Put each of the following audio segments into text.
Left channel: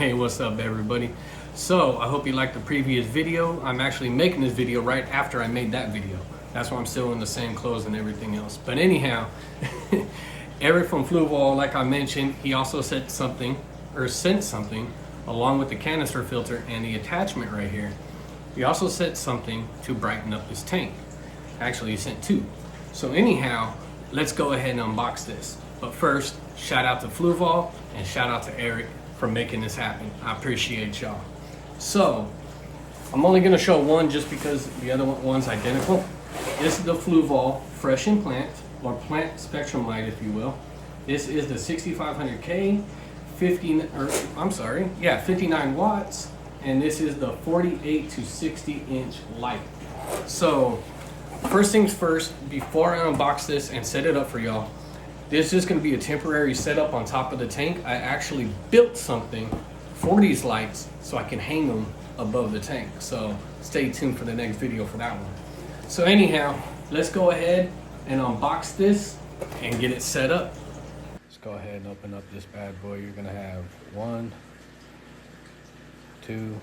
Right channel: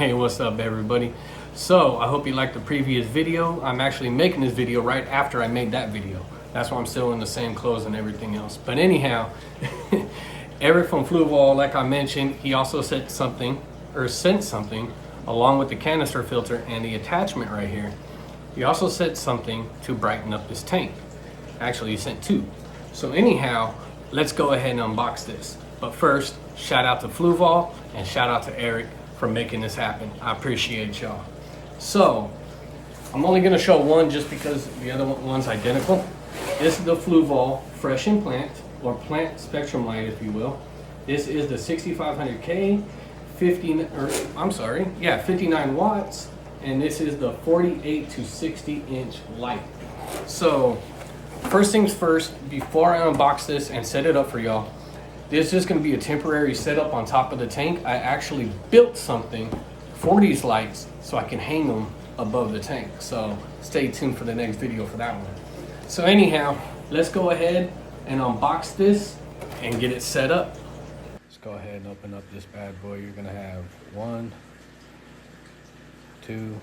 Hey, what's up everybody? So I hope you liked the previous video. I'm actually making this video right after I made that video. That's why I'm still in the same clothes and everything else. But anyhow, Eric from Fluval, like I mentioned, he also sent something along with the canister filter and the attachment right here. He also sent something to brighten up his tank. Actually, he sent two. So anyhow, let's go ahead and unbox this. But first, shout out to Fluval and shout out to Eric for making this happen. I appreciate y'all. So I'm only gonna show one just because the other one's identical. This is the Fluval Fresh and Plant, or Plant Spectrum Light, if you will. This is the 6500K, 59 watts, and this is the 48 to 60 inch light. So first things first, before I unbox this and set it up for y'all, this is going to be a temporary setup on top of the tank. I actually built something for these lights so I can hang them above the tank. So stay tuned for the next video for that one. So anyhow, let's go ahead and unbox this and get it set up. Let's go ahead and open up this bad boy. You're going to have 1, 2,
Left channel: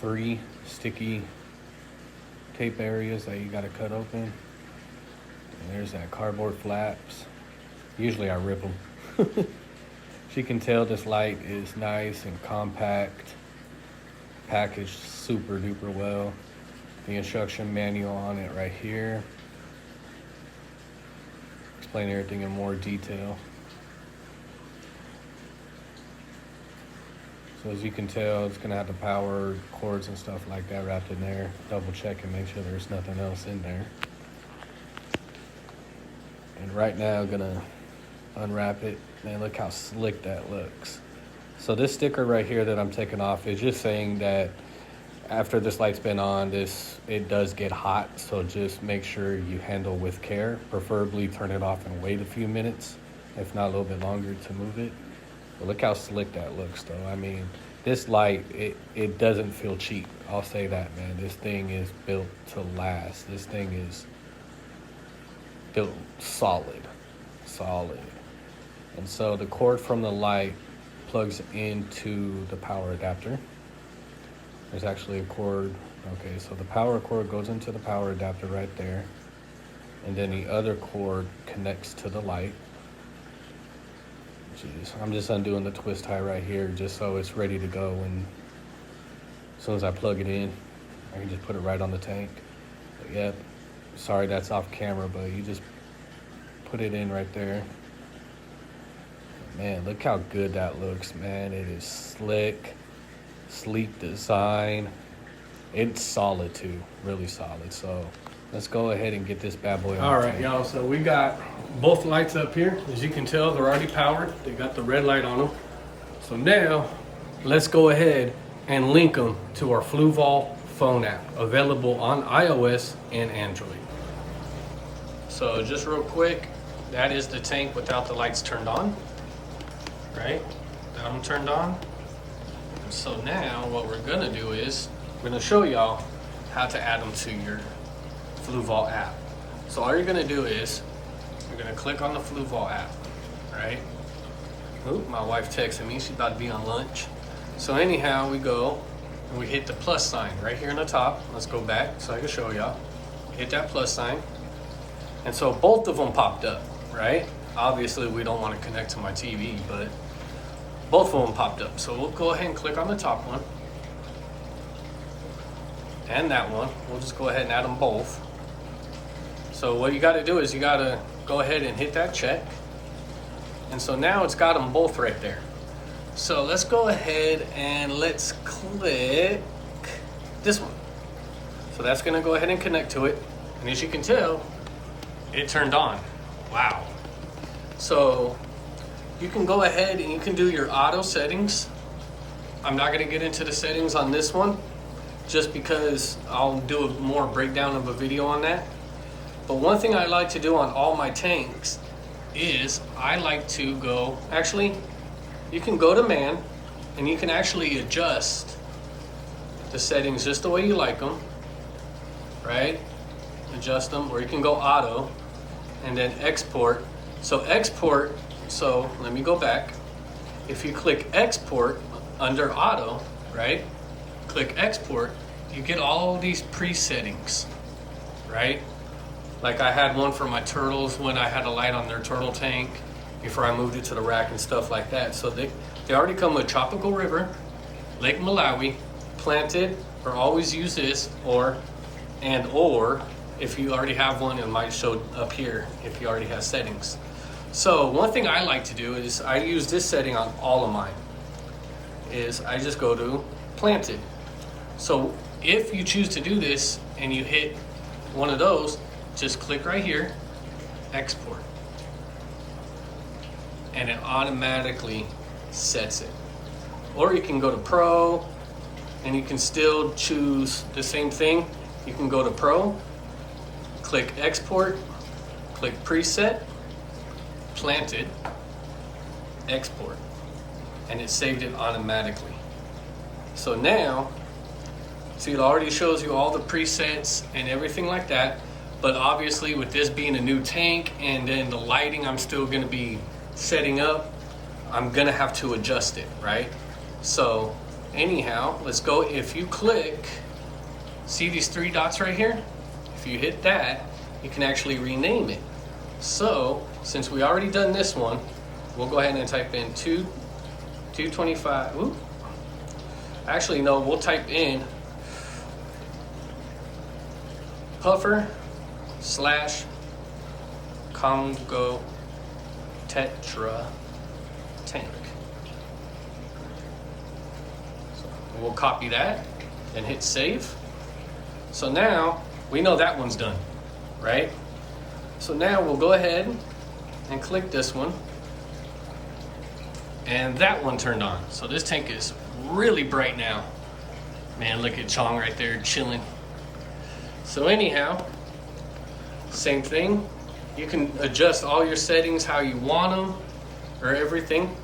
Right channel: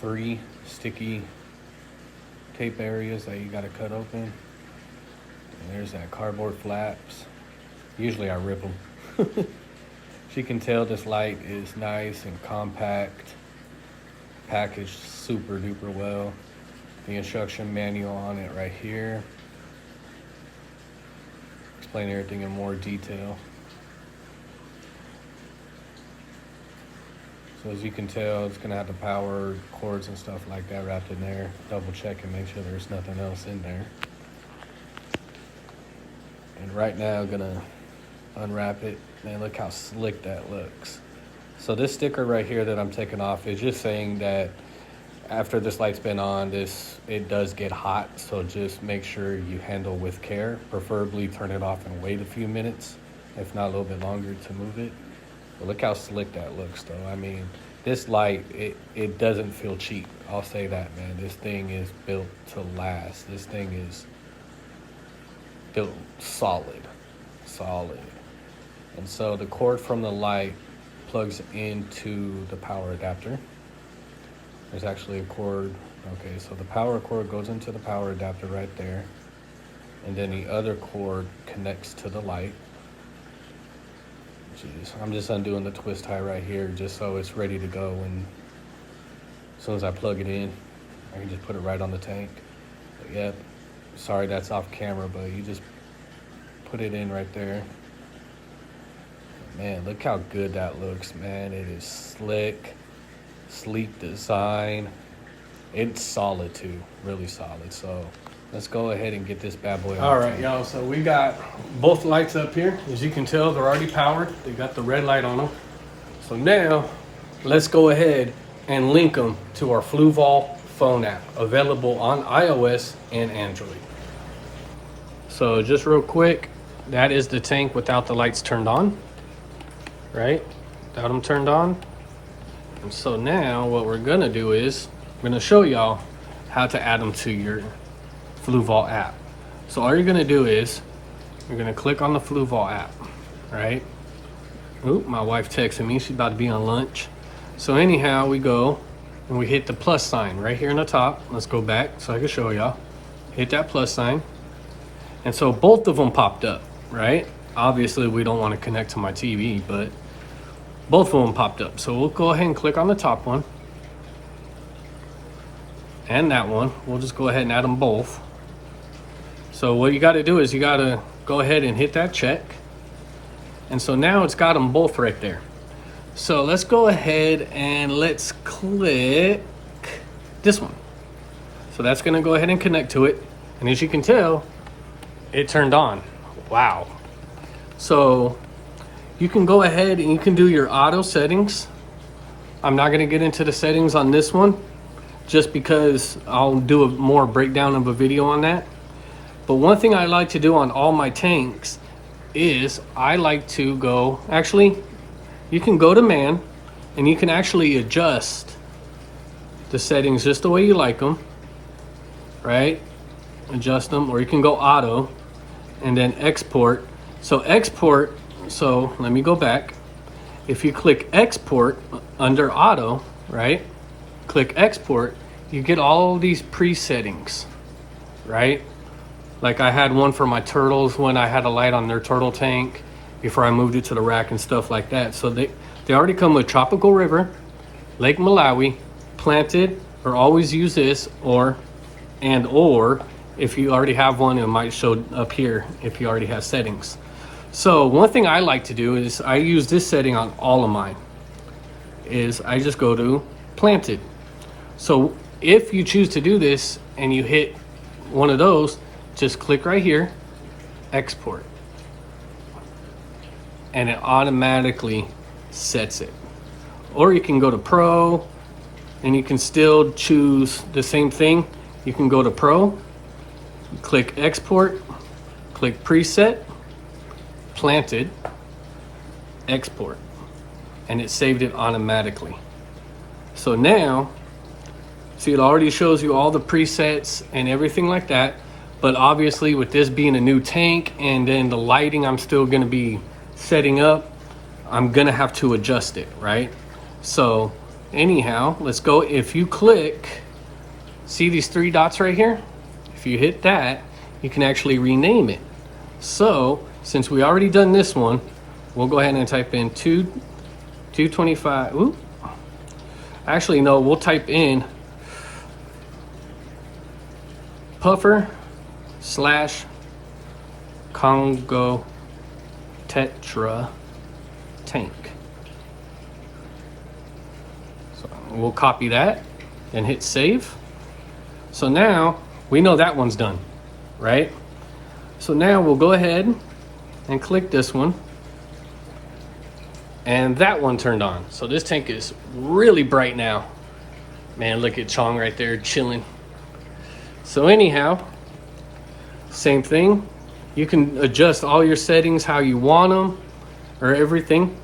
3 sticky tape areas that you got to cut open. And there's that cardboard flaps. Usually I rip them. As you can tell, this light is nice and compact, packaged super duper well. The instruction manual on it right here. Explain everything in more detail. So as you can tell, it's gonna have the power cords and stuff like that wrapped in there. Double check and make sure there's nothing else in there. And right now, I'm gonna unwrap it. Man, look how slick that looks. So this sticker right here that I'm taking off is just saying that after this light's been on, it does get hot. So just make sure you handle with care. Preferably turn it off and wait a few minutes, if not a little bit longer to move it. But look how slick that looks though. I mean, this light, it doesn't feel cheap. I'll say that, man. This thing is built to last. This thing is built solid. And so the cord from the light plugs into the power adapter. There's actually a cord. Okay, so the power cord goes into the power adapter right there, and then the other cord connects to the light. Jeez, I'm just undoing the twist tie right here just so it's ready to go, and as soon as I plug it in, I can just put it right on the tank. But yep, sorry that's off camera, but you just put it in right there. Man, look how good that looks, man. It is slick, sleek design. It's solid too, really solid. So let's go ahead and get this bad boy on. All right, y'all, so we got both lights up here. As you can tell, they're already powered. We got the red light on them. So now let's go ahead and link them to our Fluval phone app, available on iOS and Android. So just real quick, that is the tank without the lights turned on, right? Without them turned on. And so now what we're gonna do is, I'm gonna show y'all how to add them to your Fluval app. So all you're gonna do is, you're gonna click on the Fluval app, right? Oop, my wife texted me, she's about to be on lunch. So anyhow, we go and we hit the plus sign right here in the top. Let's go back so I can show y'all. Hit that plus sign. And so both of them popped up, right? Obviously we don't want to connect to my TV, but both of them popped up. So we'll go ahead and click on the top one and that one. We'll just go ahead and add them both. So what you got to do is you got to go ahead and hit that check. And so now it's got them both right there. So let's go ahead and let's click this one. So that's going to go ahead and connect to it. And as you can tell, it turned on. Wow. So you can go ahead and you can do your auto settings. I'm not going to get into the settings on this one just because I'll do a more breakdown of a video on that. But one thing I like to do on all my tanks is I like to go, actually you can go to man and you can actually adjust the settings just the way you like them, right? Adjust them, or you can go auto and then export. So export, so let me go back. if you click export under auto, right? Click export, you get all these pre-settings, right? Like I had one for my turtles when I had a light on their turtle tank before I moved it to the rack and stuff like that. So they already come with Tropical River, Lake Malawi, Planted, or always use this, or if you already have one, it might show up here if you already have settings. So one thing I like to do is I use this setting on all of mine, is I just go to Planted. So if you choose to do this and you hit one of those, just click right here, export, and it automatically sets it. Or you can go to Pro, and you can still choose the same thing. You can go to Pro, click export, click preset, Planted, export, and it saved it automatically. So now, see, it already shows you all the presets and everything like that. But obviously with this being a new tank and then the lighting I'm still gonna be setting up, I'm gonna have to adjust it, right? So anyhow, let's go. If you click, see these 3 dots right here? If you hit that, you can actually rename it. So since we already done this one, we'll go ahead and type in 225. Ooh. Actually, no, we'll type in puffer / Congo Tetra tank. So we'll copy that and hit save. So now we know that one's done, right? So now we'll go ahead and click this one, and that one turned on. So this tank is really bright now. Man, look at Chong right there chilling. So anyhow, same thing. You can adjust all your settings how you want them, or everything.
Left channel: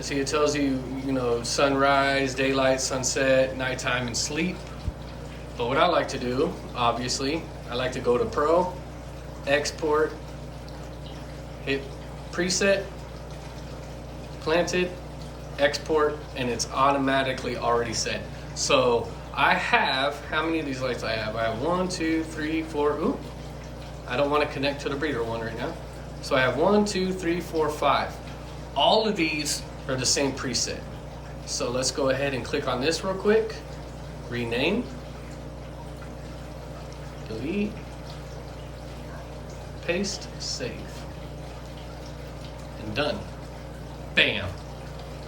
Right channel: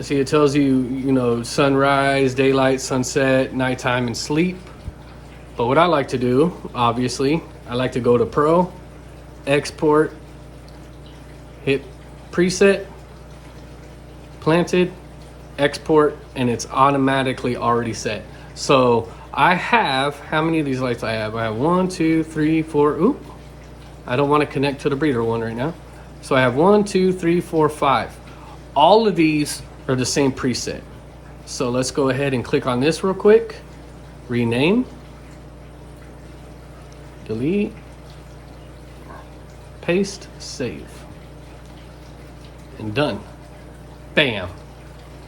See, it tells you, you know, sunrise, daylight, sunset, nighttime, and sleep. But what I like to do, obviously, I like to go to Pro, export, hit preset, Planted, export, and it's automatically already set. So I have, how many of these lights I have? I have 1, 2, 3, 4, oop. I don't want to connect to the breeder one right now. So I have 1, 2, 3, 4, 5. All of these are the same preset. So let's go ahead and click on this real quick. Rename. Delete. Paste. Save. And done. Bam.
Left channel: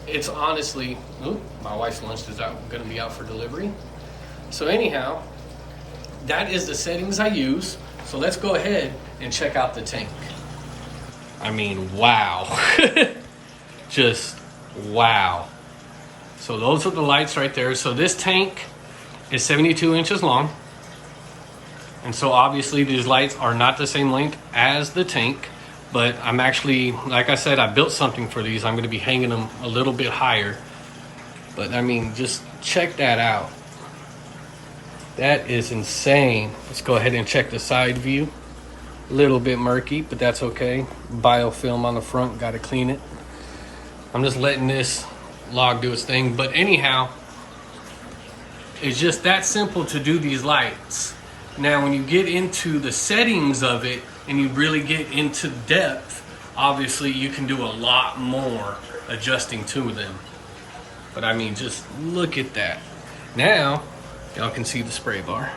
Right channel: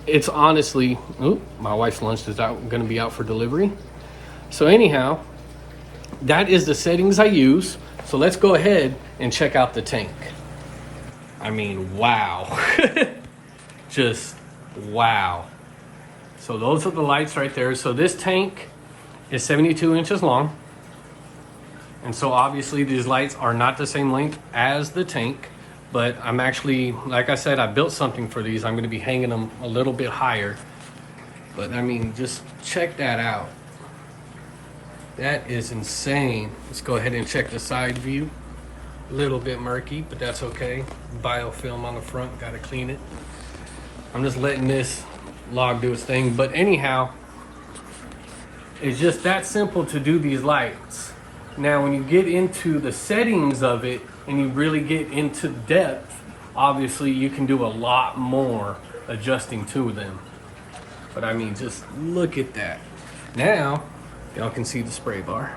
It's honestly, oop, my wife's lunch is going to be out for delivery. So anyhow, that is the settings I use. So let's go ahead and check out the tank. I mean, wow. Just wow. So those are the lights right there. So this tank is 72 inches long. And so obviously these lights are not the same length as the tank, but I'm actually, like I said, I built something for these. I'm going to be hanging them a little bit higher. But I mean, just check that out. That is insane. Let's go ahead and check the side view. A little bit murky, but that's okay. Biofilm on the front, got to clean it. I'm just letting this log do its thing. But anyhow, it's just that simple to do these lights. Now, when you get into the settings of it and you really get into depth, obviously you can do a lot more adjusting to them. But I mean, just look at that. Now, y'all can see the spray bar.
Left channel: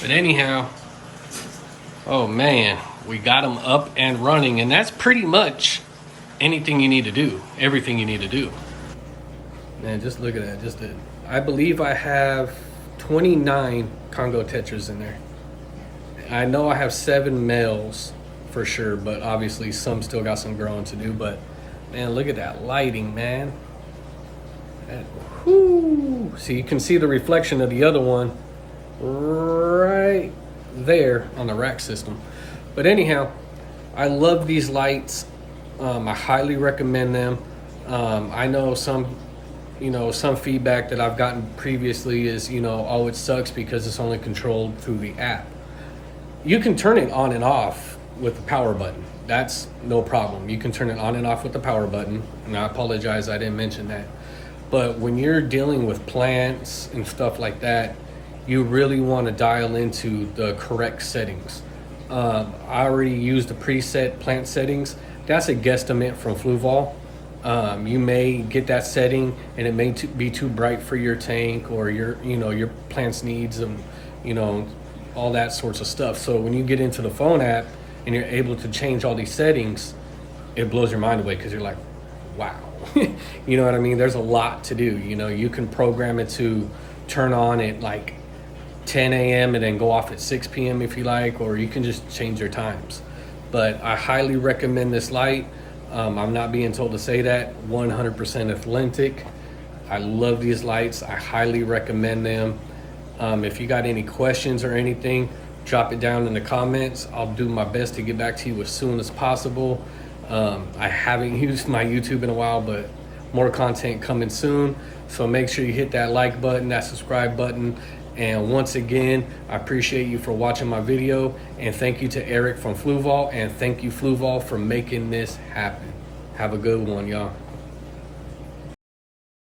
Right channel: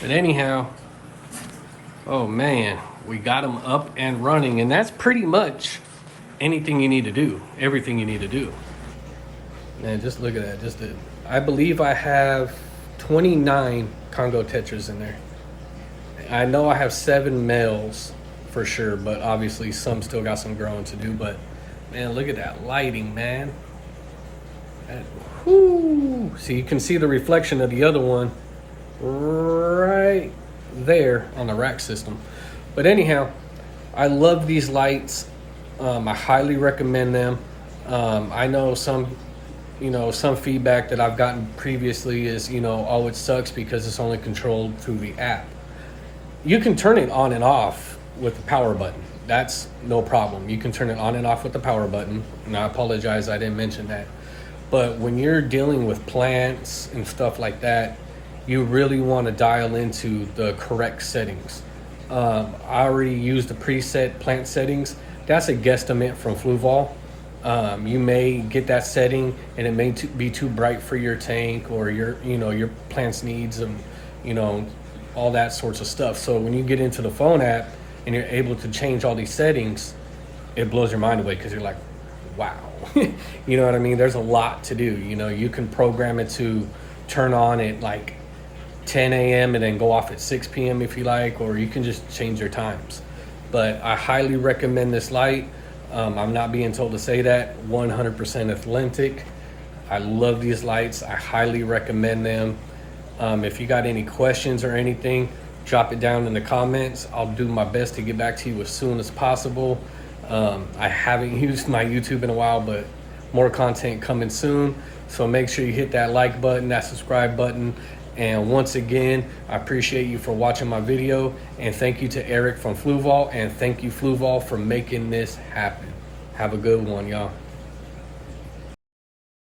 But anyhow, oh man, we got them up and running, and that's pretty much anything you need to do, everything you need to do. Man, just look at that. I believe I have 29 Congo Tetras in there. I know I have 7 males for sure, but obviously some still got some growing to do. But man, look at that lighting, man. Whoo. So you can see the reflection of the other one right there on the rack system. But anyhow, I love these lights. I highly recommend them. I know some feedback that I've gotten previously is, oh, it sucks because it's only controlled through the app. You can turn it on and off with the power button. that's no problem. You can turn it on and off with the power button. And I apologize, I didn't mention that. But when you're dealing with plants and stuff like that, you really want to dial into the correct settings. I already used the preset plant settings. That's a guesstimate from Fluval. You may get that setting and it may be too bright for your tank or your plant's needs and all that sorts of stuff. So when you get into the phone app and you're able to change all these settings, it blows your mind away because you're like, wow. You know what I mean? There's a lot to do. You can program it to turn on at like 10 a.m. and then go off at 6 p.m. if you like, or you can just change your times. But I highly recommend this light. I'm not being told to say that. 100% authentic. I love these lights. I highly recommend them. If you got any questions or anything, drop it down in the comments. I'll do my best to get back to you as soon as possible. I haven't used my YouTube in a while, but more content coming soon. So make sure you hit that like button, that subscribe button. And once again, I appreciate you for watching my video. And thank you to Eric from Fluval. And thank you, Fluval, for making this happen. Have a good one, y'all.